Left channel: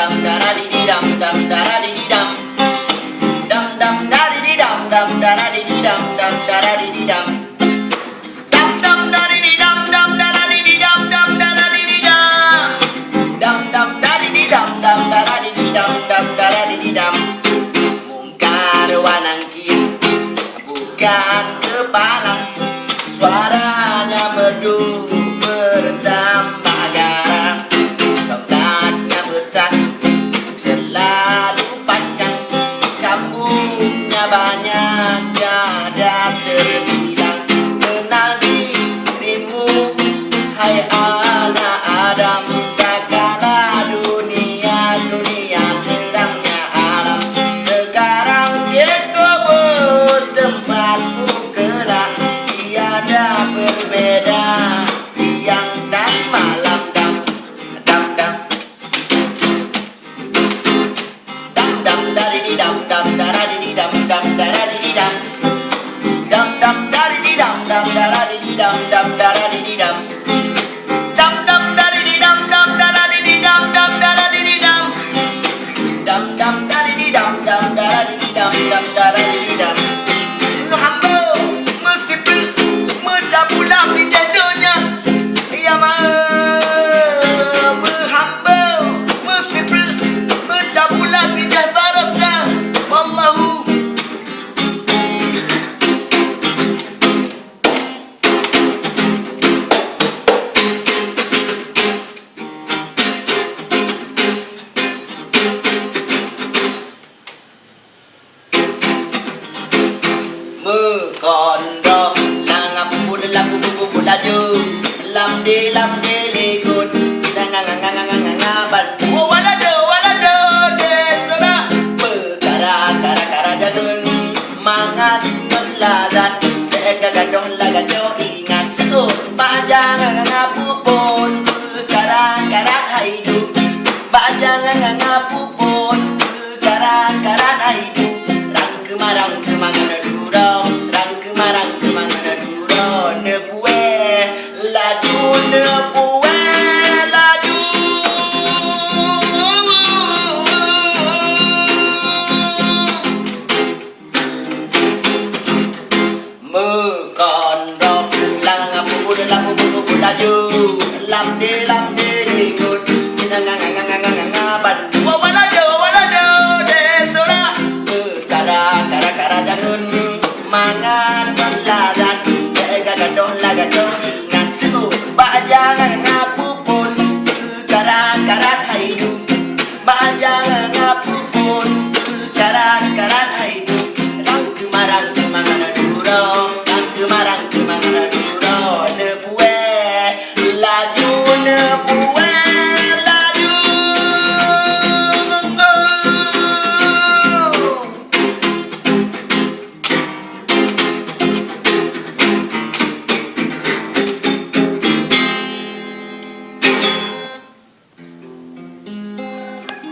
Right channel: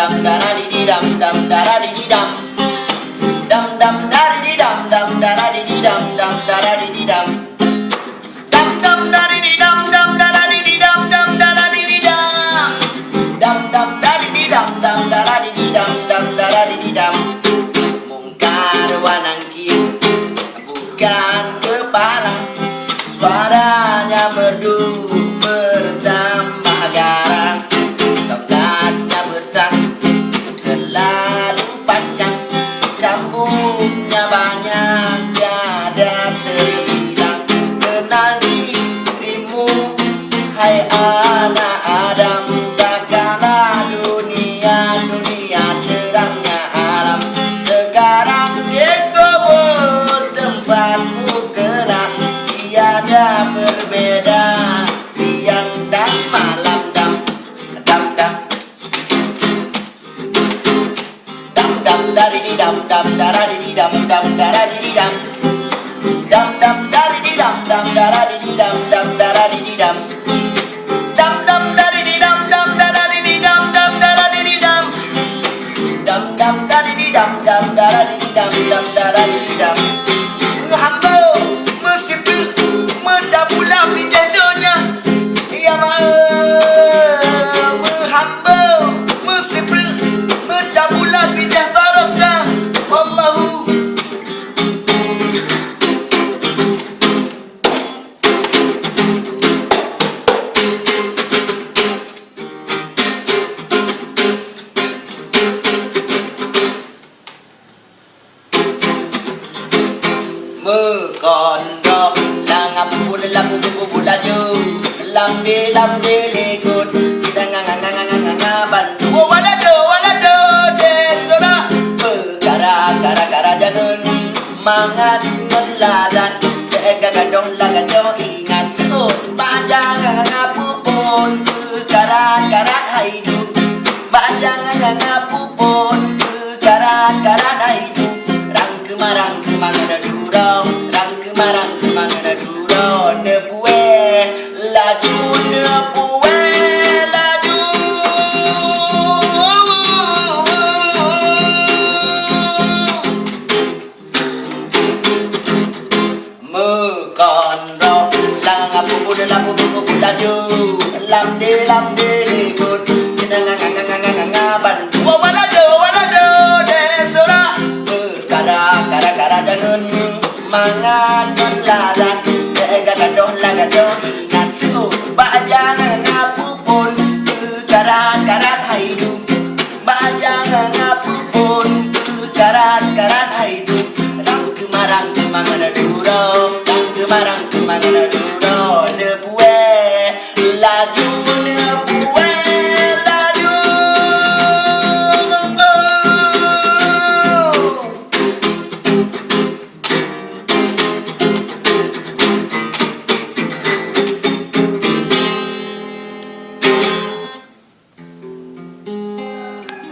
dam da da di di dam dam da da di di dam dam dam da di di dam dam da da di di dam dam da da di di dam dam dam da di di dam dam da da di di dam dam da da di di dam dam dam da di di dam dam da da di di dam dam da da di di dam mungkar wanangkin bukan kepalang suaranya merdu bertambah garang tongkatnya besar terlalu panjang cambuknya banyak tiada terhilang kenal dirimu hai anak Adam takkanlah dunia terangnya alam sekarang dikubur tempatmu kelak tiada berbeda siang dan malam dam dam dam dam dam dari di dam dam dari di dam dam dari di dam dam dam dari di dam dam dari di dam dam dari di dam dam dam dari di dam dam dari di dam dam dari di dam dam dam dari di dam dam dari di dam dam dari di dam hamba mesti meda pula pijadonya ya hamba mesti meda pula pijah barasa wallahu còn đó là ngập buồn là buồn là dư làm đi lê cột chỉ đang nga bàn ô wala do de sora kara jagun mangat ngeladan de gagadong ingat seut panjang ngapupon karat hidup panjang ngapupon karat hidup rang kemarang durong rang kemarang durong nepue laju còn đó là ngap bubul laju làm đi good nga ban wala do de sora kara jangan mangan ladan gagadong ingat seut bajang ngapupun karat hidup bajang ngapupun karat hidup rang kemarang durong rang kemarang durong